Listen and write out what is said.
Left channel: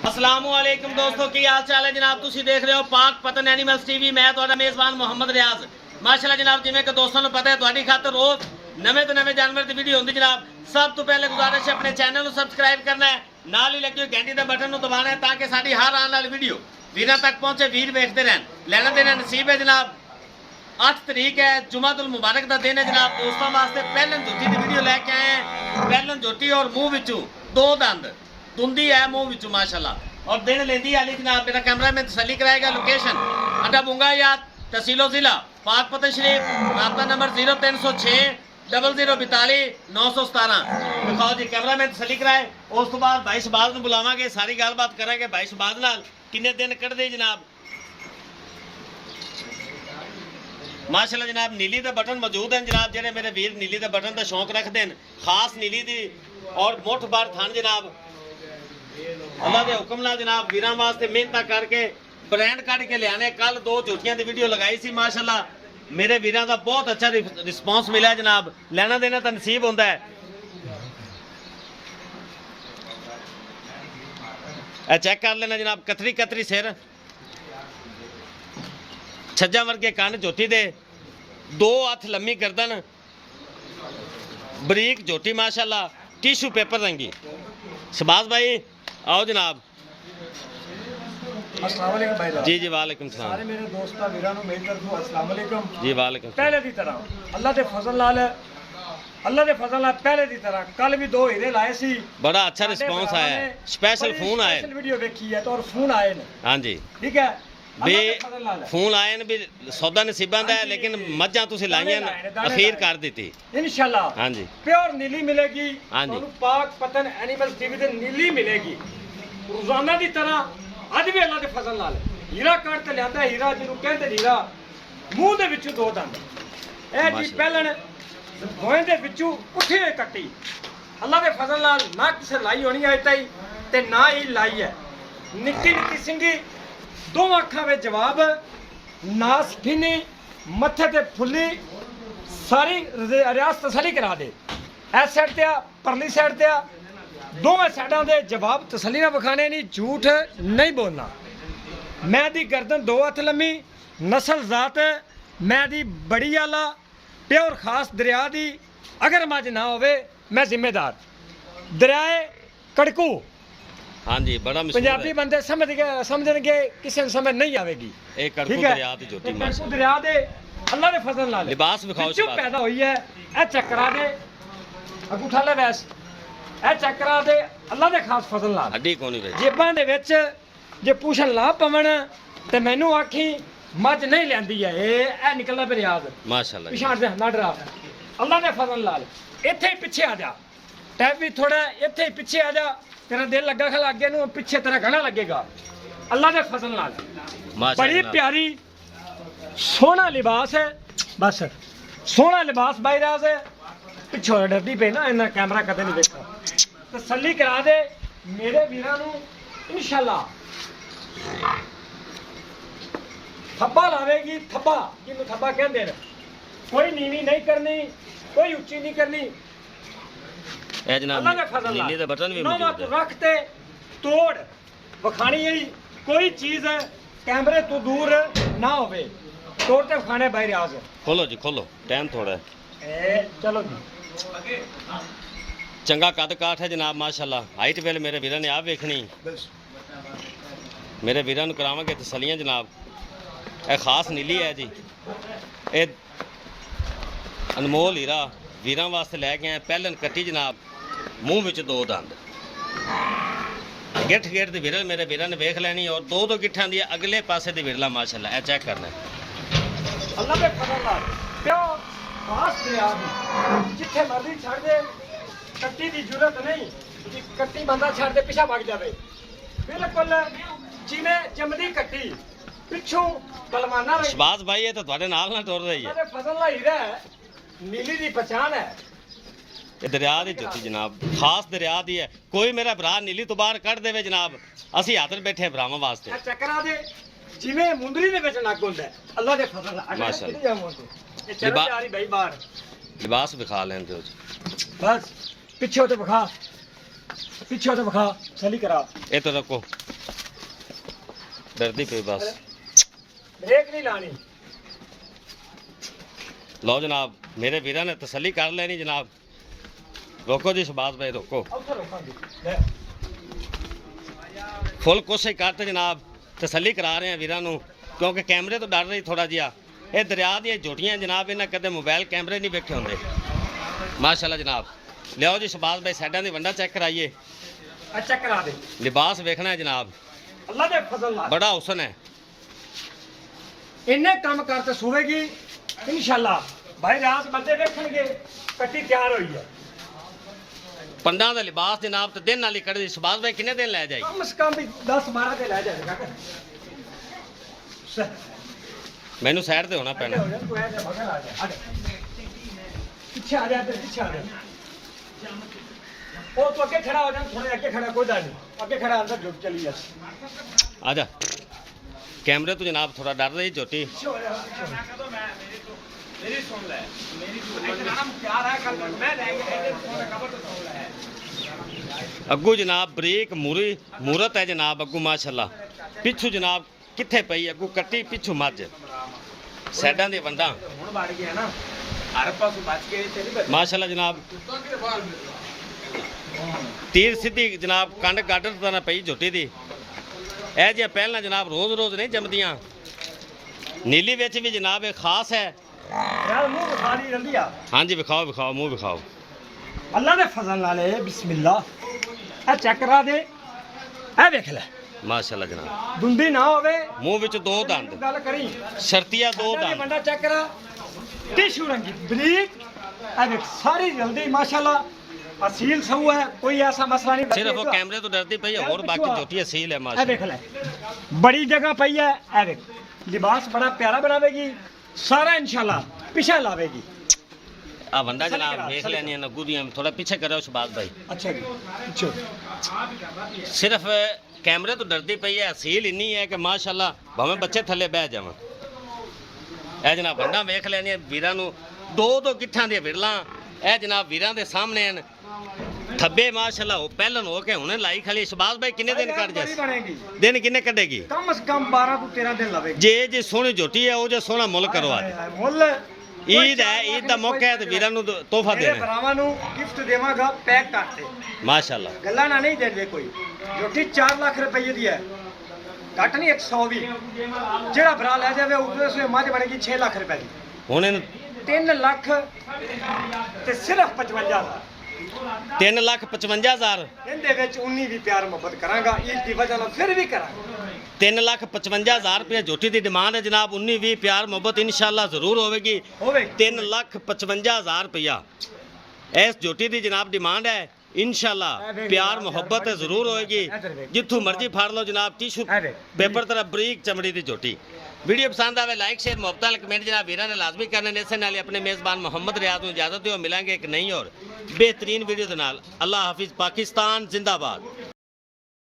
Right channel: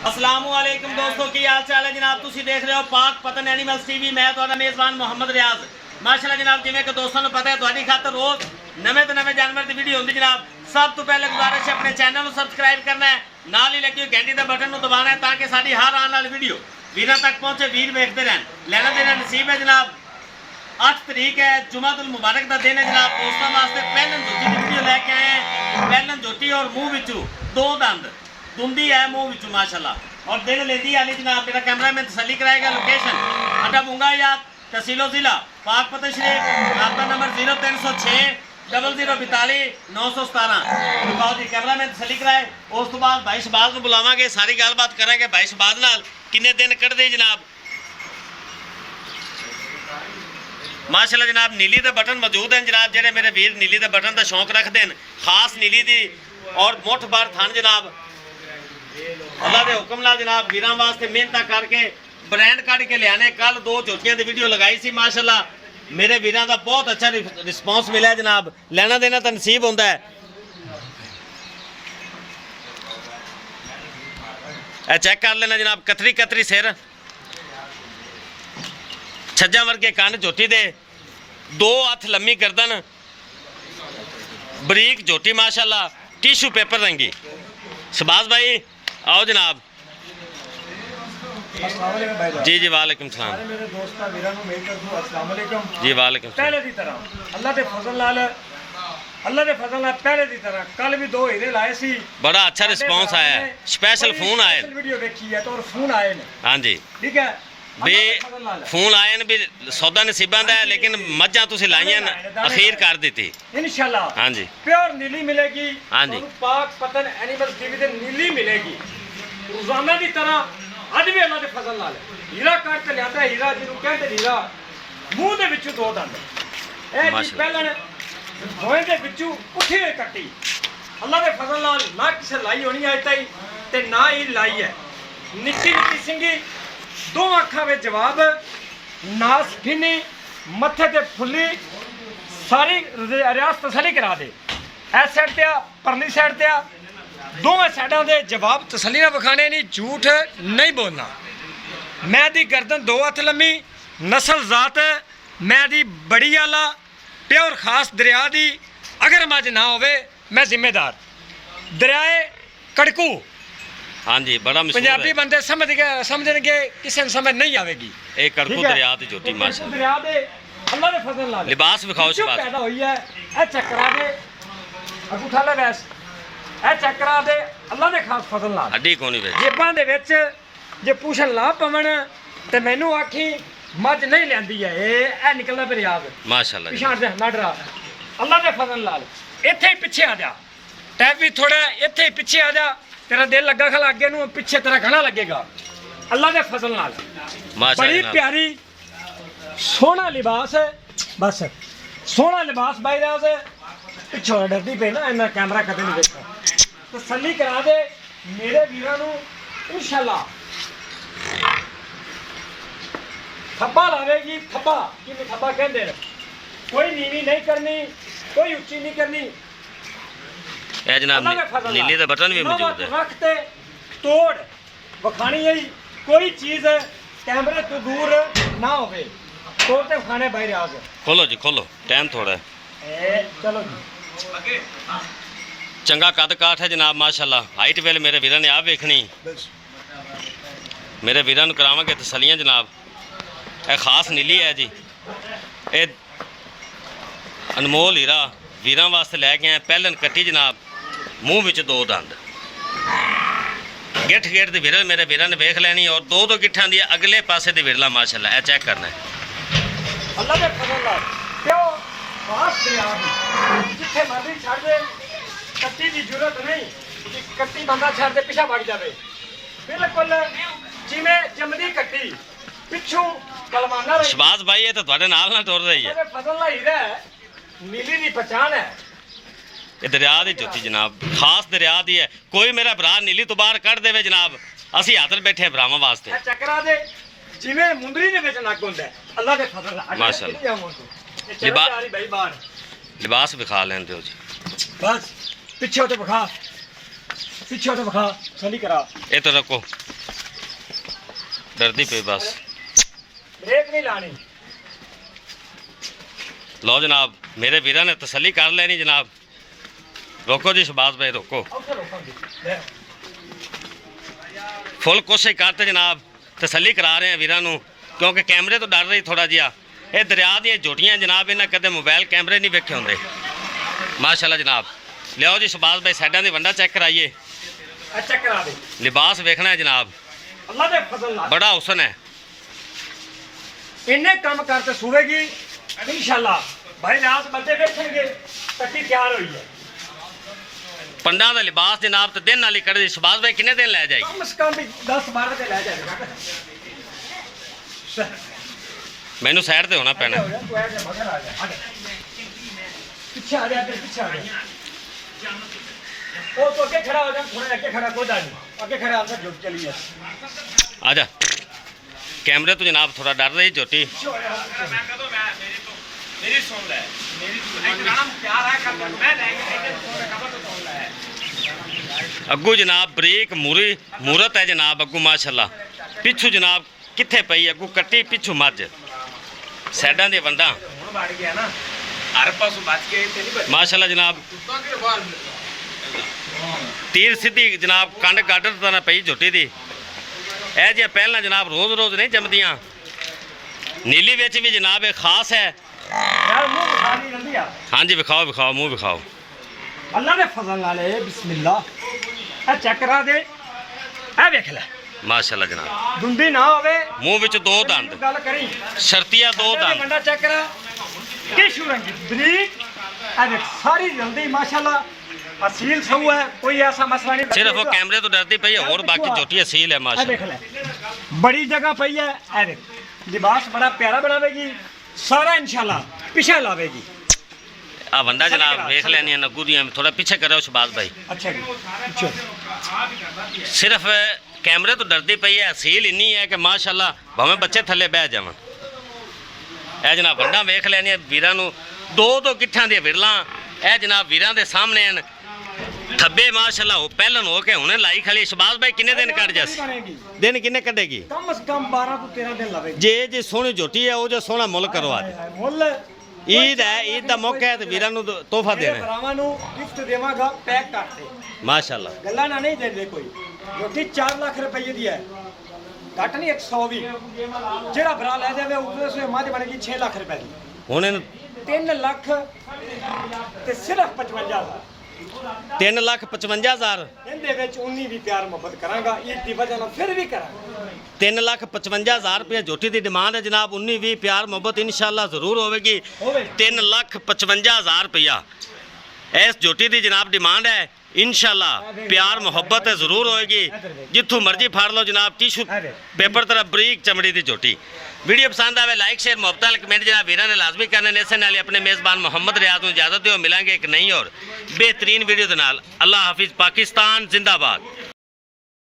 अस्सलामुअलैकुम दोस्तों की हाल चाल है जनाब। तुसी देख रहे हो पाक पतन एनिमल्स टीवी। मैं तुहाडा मेज़बान मोहम्मद रियाज। माशाअल्लाह जनाब, जिवें कि दोस्तों को पता है तुहाडी खातर रोज नवे तो नवे जानवर की वीडियो होंदी जनाब। सब तो पहले गुजारिश है अपने चैनल को सबसक्राइब करना है, नाल ही लगी हुई घंटी का बटन दबाना है ताकि साडी हर आने वाली वीडियो वीरां तक पहुंचे, वीर वेखते रहन। लेना देना नसीब है जनाब। 8 तरीक है, जुमातुल मुबारक का दिन है जनाब। दोस्तों वास्ते पहलन जोटी की वीडियो लेके आए हैं। पहलन जोटी और मुंह विचों 2 दंद दुंदी है मुंह विचों माशाल्लाह, और दिन लेंदी आली जनाब। मेरा कैमरा में तसल्ली कराएगा। लोकेशन अड्डा बुंगा याद, तहसीलो जिला पाक पतन शरीफ। राब्ता नंबर 0306 0042 917। दिखाओ जी, कैमरा में तसल्ली कराए। उस तो बाद भाई शहबाज को बुलावांगे, सारी गलबात करेंगे भाई शहबाज नाल किन्ने दिन कढ़दे जनाब। माशाल्लाह जनाब, नीली के बटन मौजूद हैं जनाब। जेडे मेरे वीर नीली के बटन का शौक रखते हैं, खास नीली दी और मुठ भर थन जनाब। अल्लाह के हुक्म नाल जनाब वीरां वास्ते मेहनत करके ब्रांड कट के लियाने। कल 2 झोटियां की वीडियो लगाई सी माशाल्लाह, मेरे वीरां का बहुत अच्छा रिस्पॉन्स मिला जनाब। लेना देना तो नसीब होंदा है। चेक कर लेना जनाब, कतरी कतरी सिर, छज्जा वर्गे कन झोटी दे, 2 हथ लम्मी गर्दन, बरीक झोटी माशाल्लाह, टिशू पेपर रंगी। शहबाज भाई आओ जनाब। जी जी वालेकुम सलाम। मेरे दोस्तां वीरां नूं मेल कर दो अस्सलाम वालेकुम। जी वालेकुम सलाम। पहले दी तरह अल्लाह के फजल नाल पहले दी तरह कल भी 2 हीरे लाए सी। बड़ा अच्छा रिस्पांस आया है, स्पेशल फोन आए वीडियो देखी है तो और फोन आए ने। हाँ जी ठीक है भी फोन आए ने भी सौदा नसीबां दा है, लेकिन मज्जां तुसीं लाइयां अखीर कर दी इंशाल्लाह। हाँ जी प्योर नीली मिलेगी। हाँ जी पाक पतन एनिमल्स टीवी ते नीली मिलेगी रोजाना की तरह। अज भी अल्लाह के फजल नाल हीरा कट के लिया। हीरा जिन्हों कहते हीरा मूँह के विचों 2 दंद। यह जी पहलन भोए के विचों उठी हुई कट्टी अल्लाह के फजल नाल ना किसी लाई होनी है ताई ते ना ही लाई है। निक्की निक्की सिंगी, 2 अखां में जवाब, नास फिनी, मत्थे ते फुल्ली, सारी रियासत तसली करा दे। इस साइड ते परली साइड ते दोवें साइडों के जवाब तसली ना विखाने, नहीं झूठ नहीं बोलना। मैं दी गर्दन 2 हथ लम्मी, नस्ल जात मैं दी बड़ी आला, प्योर खास दरिया दी। अगर मज ना होवे मैं जिम्मेदार। दरियाए कड़कू। हाँ जी बड़ा मशहूर पंजाबी है। बंदे समझणगे, किसी ने समझ नहीं आवेगी। एक कड़कू दरिया दी झोटी माशाल्लाह। दरिया दे अल्लाह दे फजल नाल लिबास विखाओ जो शहबाज। पैदा हुई है ए चक्करा दे अंगूठा ले वैस ए चक्करा दे अल्लाह दे खास फजल नाल। हड्डी कोनी विच जेबां दे विच जे पूछन ला पवन ते मैनू आखी मज नहीं लैंदी है। ए निकलना पे रियाज माशाल्लाह जी। पिछाड़ दे ना डरा। अल्लाह दे फजल नाल इत्थे ही पिछे आ जा। टैप भी थोड़ा इत्थे ही पिछे आ जा। तेरा दिल लगा खला अगे नू, पिछे तेरा घना लगेगा। अल्लाह दे फजल नाल माशाल्लाह बड़ी जनाब। प्यारी सोहना लिबास है। बस सोहना लिबास भाई राज है। पिछों डरदी पे ना, इन्ना कैमरा कदे नहीं देखा। तसल्ली करा दे मेरे वीरां नू इंशाल्लाह। थब्बा लावेगी, थब्बा जिन्हों थब्बा कहते हैं। कोई नीवी नहीं करनी, कोई उच्ची नहीं करनी। ए जनाब नीली का बटन भी मौजूद है। रखते तोड़ वखानी है। कोई चीज कैमरे तो दूर ना होवे, तोड़ते खाने बाहर आ गए। खोलो जी खोलो, टाइम थोड़ा है। चलो जी। चंगा कद काठ है जनाब माशाल्लाह। हाइट वेल मेरे वीरां ने आप वेखनी, मेरे वीरां नूं करावांगे तसलियां जनाब। यह खास नीली है जी, ये अनमोल हीरा वीरां वास्ते लैके आए। पहलन कट्टी जनाब, मूँह विच 2 दंद, गिठ गिठ दी विरल मेरे वीरां ने वेख लैनी, और 2 गिठां दी अगले पासे दी विरला माशाल्लाह। यह चेक करना है। अल्लाह दे फजल नाल क्यों खास दरिया जिथे मर्जी छड़ दे, कट्टी की जरूरत नहीं कि कट्टी बंदा छड़ दे पिछा भाग जाए। बिल्कुल जिवें जमदी कट्टी पिछों बलवाना रही। शहबाज भाई ये तो तुहाडे नाल ना टुर रही है। फजल नाल हीरा है, नीली दी पहचान है। ये दरिया की झोटी जनाब, खास दरिया दी है। कोई मेरा भरा नीली तो बाहर कढ़ देवे जनाब, असी हाथर बैठे भरावां वास्ते। चक्करा दे जिवें मुंदरी दे विच नक हुंदा है, अल्लाह दे फजल नाल माशाल्लाह। भाई बाहर लिबास विखा लेंदे हो जी। बस पिछे तो विखा, पिछे तो विखा, सही करा। ये तो रखो। ਡਰਦੀ ਪਈ ਬਸ। ਬ੍ਰੇਕ ਨਹੀਂ ਲਾਣੀ। ਲਓ ਜਨਾਬ, ਮੇਰੇ ਵੀਰਾਂ ਨੇ ਤਸੱਲੀ ਕਰ ਲੈਣੀ ਜਨਾਬ। ਰੋਕੋ ਜੀ ਸ਼ਬਾਜ਼ ਭਾਈ, ਰੋਕੋ। ਫੁੱਲ ਕੋਸ਼ਿਸ਼ ਕਰਤੇ ਜਨਾਬ, ਤਸੱਲੀ ਕਰਾ ਰਹੇ ਆ ਵੀਰਾਂ ਨੂੰ, ਕਿਉਂਕਿ ਕੈਮਰੇ ਤੋਂ ਡਰ ਰਹੀ ਥੋੜਾ ਜਿਹਾ। ਇਹ ਦਰਿਆ ਦੀਆਂ ਝੋਟੀਆਂ ਜਨਾਬ, ਇਹਨਾਂ ਕਦੇ ਮੋਬਾਈਲ ਕੈਮਰੇ ਨਹੀਂ ਵੇਖੇ ਹੁੰਦੇ। ਮਾਸ਼ਾਅੱਲਾ ਜਨਾਬ। ਲਿਆਓ ਜੀ ਸ਼ਬਾਜ਼ ਭਾਈ, ਸਾਈਡਾਂ ਦੀ ਵੰਡਾ ਚੈੱਕ ਕਰਾਈਏ। ਚੈੱਕ ਕਰਾ ਦੇ। ਲਿਬਾਸ ਵੇਖਣਾ ਹੈ ਜਨਾਬ, ਅੱਲਾ ਦੇ ਫਜ਼ਲ ਨਾਲ ਬੜਾ ਹੁਸਨ ਹੈ। ਇੰਨੇ ਕੰਮ ਕਰਤੇ ਸੁਵੇਗੀ ਇਨਸ਼ਾਅੱਲਾ। ਭਾਈ ਰਾਤ ਬੰਦੇ ਵੇਖਣਗੇ ਕੱਟੀ ਤਿਆਰ ਹੋਈ ਹੈ। ਪੰਡਾਂ ਦਾ ਲਿਬਾਸ ਜਨਾਬ ਤੇ ਦਿਨ ਨਾਲ ਹੀ ਕੱਢਦੇ। ਸ਼ਬਾਜ਼ ਭਾਈ ਕਿੰਨੇ ਦਿਨ ਲੈ ਜਾਏਗੀ? ਕਮ ਸੇ ਕਮ ਵੀ 10-12 ਤੇ ਲੈ ਜਾਏਗਾ। ਮੈਨੂੰ ਸਾਈਡ ਤੇ ਹੋਣਾ ਪੈਣਾ। ਤੂੰ ਐ ਜਾ ਮਗਰ ਆ ਜਾ। ਪਿੱਛੇ ਆ ਜਾ, ਪਿੱਛੇ ਆ ਜਾ। ਉਹ ਤੋਂ ਅੱਗੇ ਖੜਾ ਹੋ ਜਾ, ਥੋੜਾ ਅੱਗੇ ਖੜਾ, ਕੋਈ ਗੱਲ ਨਹੀਂ। ਅੱਗੇ ਖੜਾ ਅੰਦਰ ਜੁੜ ਚਲੀ ਜਾ। ਆ ਜਾ। ਕੈਮਰੇ ਤੋਂ ਜਨਾਬ ਥੋੜਾ ਡਰ ਰਹੀ ਝੋਟੀ। ਮੇਰੀ ਸੁਣ ਲੈ, ਮੇਰੀ ਇਕਰਾਮ ਪਿਆਰ ਹੈ ਕਰ ਮੈਂ ਲੈ ਕੇ ਖਬਰ ਤੋਂ ਸੁਣ ਲੈ। ਅੱਗੂ ਜਨਾਬ ਬਰੀਕ ਮੂਰਤ ਹੈ ਜਨਾਬ ਅੱਗੂ ਮਾਸ਼ਾਅੱਲਾ। ਪਿੱਛੂ ਜਨਾਬ ਕਿੱਥੇ ਪਈ ਅੱਗੂ ਕੱਟੀ, ਪਿੱਛੂ ਮੱਝ। ਸਾਈਡਾਂ ਦੇ ਵੰਡਾਂ ਹੁਣ ਵੜ ਗਿਆ ਨਾ, ਹਰ ਪਾਸੋਂ ਬਚ ਕੇ ਤੇ ਨਹੀਂ ਬਚ। ਮਾਸ਼ਾਅੱਲਾ ਜਨਾਬ। ਤੀਰ ਸਿੱਧੀ ਜਨਾਬ, ਕੰਡ ਗਾਡਰ ਤਾਂ ਨਾ ਪਈ ਝੋਟੀ ਦੀ। ਇਹ ਜਿਹਾ ਪਹਿਲਾਂ ਜਨਾਬ ਰੋਜ਼ ਨਹੀਂ ਜੰਮਦੀਆਂ। ਨੀਲੀ ਵਿੱਚ ਵੀ ਜਨਾਬ ਇਹ ਖਾਸ ਹੈ। ਯਾਰ ਮੂੰਹ ਵਿਖਾ ਨਹੀਂ ਰੰਦੀ ਆ। ਹਾਂਜੀ ਵਿਖਾਓ, ਮੂੰਹ ਵਿਖਾਓ। ਅੱਲਾ ਦੇ ਫਜ਼ਲ ਨਾਲ ਹੈ। ਬਿਸਮਿਲ੍ਲਾ। ਇਹ ਚੈੱਕ ਕਰਾ ਦੇ। ਇਹ ਵੇਖ ਲੈ ਮਾਸ਼ਾਅੱਲਾ ਜਨਾਬ। ਦੁੰਦੀ ਨਾ ਹੋਵੇ, ਮੂੰਹ ਵਿੱਚ ਦੋ ਦੰਦ, ਗੱਲ ਕਰੀ। ਸ਼ਰਤੀਆ ਦੋ ਦੰਦ। ਗੰਡਾ ਚੈੱਕ ਕਰਾ। ਟਿਸ਼ੂ ਰੰਗੀ ਬਰੀਕ। ਇਹ ਦੇਖ ਸਾਰੀ ਜਲਦੀ ਮਾਸ਼ਾਅੱਲਾ ਅਸੀਲ ਸਹੂ ਹੈ, ਕੋਈ ਐਸਾ ਮਸਲਾ ਨਹੀਂ। ਸਿਰਫ ਉਹ ਕੈਮਰੇ ਤੋਂ ਡਰਦੀ ਪਈ ਹੈ, ਹੋਰ ਬਾਕੀ ਝੋਟੀ ਅਸੀਲ ਹੈ ਇਹ ਮਾਸ਼ਾਅੱਲਾ। ਦੇਖ ਲੈ ਬੜੀ ਜਗ੍ਹਾ ਪਈ ਹੈ। ਇਹ ਦੇਖ ਲਿਬਾਸ ਬੜਾ ਪਿਆਰਾ ਬਣਾਵੇਗੀ ਸਾਰਾ ਇਨਸ਼ਾਅੱਲਾ। ਪਿੱਛੇ ਲਾਵੇਗੀ। ਆ ਵੰਡਾ ਜਨਾਬ ਵੇਖ ਲੈਣੀਆਂ ਨੱਗੂ ਦੀਆਂ। ਥੋੜਾ ਪਿੱਛੇ ਕਰਿਓ ਸ਼ਬਾਜ਼ ਭਾਈ। ਅੱਛਾ ਜੀ, ਪਿੱਛੇ। ਸਿਰਫ ਕੈਮਰੇ ਤੋਂ ਡਰਦੀ ਪਈ ਹੈ, ਅਸੀਲ ਇੰਨੀ ਹੈ ਕਿ ਮਾਸ਼ਾਅੱਲਾ ਭਾਵੇਂ ਬੱਚੇ ਥੱਲੇ ਬਹਿ ਜਾਵਣ। ਇਹ ਜਨਾਬ ਵੰਡਾ ਵੇਖ ਲੈਣੀਆਂ ਵੀਰਾਂ ਨੂੰ। ਦੋ ਗਿੱਠਾਂ ਦੀਆਂ ਵਿਰਲਾਂ ਇਹ ਜਨਾਬ ਵੀਰਾਂ ਦੇ ਸਾਹਮਣੇ ਹਨ। ਥੱਬੇ ਮਾਸ਼ਾਅੱਲਾ ਉਹ ਪਹਿਲਨ ਹੋ ਕੇ ਹੁਣੇ ਲਾਈ ਖਲੀ। ਸ਼ਬਾਜ਼ ਭਾਈ ਕਿੰਨੇ ਦਿਨ ਕੱਢ ਜਾਸ? ਦਿਨ ਕਿੰਨੇ ਕੱਢੇਗੀ? ਕਮ ਸੇ ਕਮ 12 ਤੋਂ 13 ਦਿਨ ਲਵੇਗੀ। ਜੇ ਸੋਹਣੀ ਝੋਟੀ ਹੈ ਉਹ ਜੇ ਸੋਹਣਾ ਮੁੱਲ ਕਰੋ ਅੱਜ। ਮੁੱਲ ਈਦ ਹੈ, ਈਦ ਦਾ ਮੌਕਾ ਹੈ ਤੇ ਵੀਰਾਂ ਨੂੰ ਤੋਹਫਾ ਦੇਣਾ ਹੈ। ਭਰਾਵਾਂ ਨੂੰ ਗਿਫਟ ਦੇਵਾਂਗਾ ਪੈਕ ਕਰਕੇ। ਮਾਸ਼ਾਅੱਲਾ ਗੱਲਾਂ ਨਾ ਨਹੀਂ ਦੇ ਕੋਈ। ਝੋਟੀ 4 ਲੱਖ ਰੁਪਏ ਦੀ ਹੈ, ਘੱਟ ਨਹੀਂ 120। ਜਿਹੜਾ ਭਰਾ ਲੈ ਜਾਵੇ ਉਹਦੇ ਮੱਝ ਬਣੇਗੀ 6 ਲੱਖ ਰੁਪਏ ਦੀ। ਹੁਣ ਇਹਨੂੰ 3 ਲੱਖ ਤੇ ਸਿਰਫ 55,000। 3,55,000। ਇਹਦੇ ਵਿੱਚ 19 ਵੀ ਪਿਆਰ ਮੁਹੱਬਤ ਕਰਾਂਗਾ। ਈਦ ਦੀ ਵਜ੍ਹਾ ਨਾਲ ਫਿਰ ਵੀ ਕਰਾਂਗਾ। 3,55,000 ਰੁਪਏ ਝੋਟੀ ਦੀ ਡਿਮਾਂਡ ਹੈ ਜਨਾਬ। 19-20 ਪਿਆਰ ਮੁਹੱਬਤ ਇਨਸ਼ਾਅੱਲਾ ਜ਼ਰੂਰ ਹੋਵੇਗੀ। 3,55,000 ਰੁਪਇਆ ਇਸ ਝੋਟੀ ਦੀ ਜਨਾਬ ਡਿਮਾਂਡ ਹੈ। ਇਨਸ਼ਾਅੱਲਾ ਪਿਆਰ ਮੁਹੱਬਤ ਜ਼ਰੂਰ ਹੋਏਗੀ। ਜਿੱਥੋਂ ਮਰਜ਼ੀ ਫੜ ਲਓ ਜਨਾਬ। ਟਿਸ਼ੂ ਪੇਪਰ ਤਰ੍ਹਾਂ ਬਰੀਕ ਚਮੜੀ ਦੀ ਝੋਟੀ। ਵੀਡੀਓ ਪਸੰਦ ਆਵੇ ਲਾਈਕ ਸ਼ੇਅਰ ਮੁਹੱਬਤ ਨਾਲ ਕਮੈਂਟ ਜਨਾਬ ਵੀਰਾਂ ਨੇ ਲਾਜ਼ਮੀ ਕਰਨੇ ਨੇ। ਇਸੇ ਨਾਲ ਹੀ ਆਪਣੇ ਮੇਜ਼ਬਾਨ ਮੁਹੰਮਦ ਰਿਆਜ਼ ਨੂੰ ਇਜਾਜ਼ਤ ਦਿਓ। ਮਿਲਾਂਗੇ ਇੱਕ ਨਈ ਔਰ ਬਿਹਤਰੀਨ ਵੀਡੀਓ ਦੇ ਨਾਲ। ਅੱਲਾ ਹਾਫਿਜ਼। ਪਾਕਿਸਤਾਨ ਜ਼ਿੰਦਾਬਾਦ।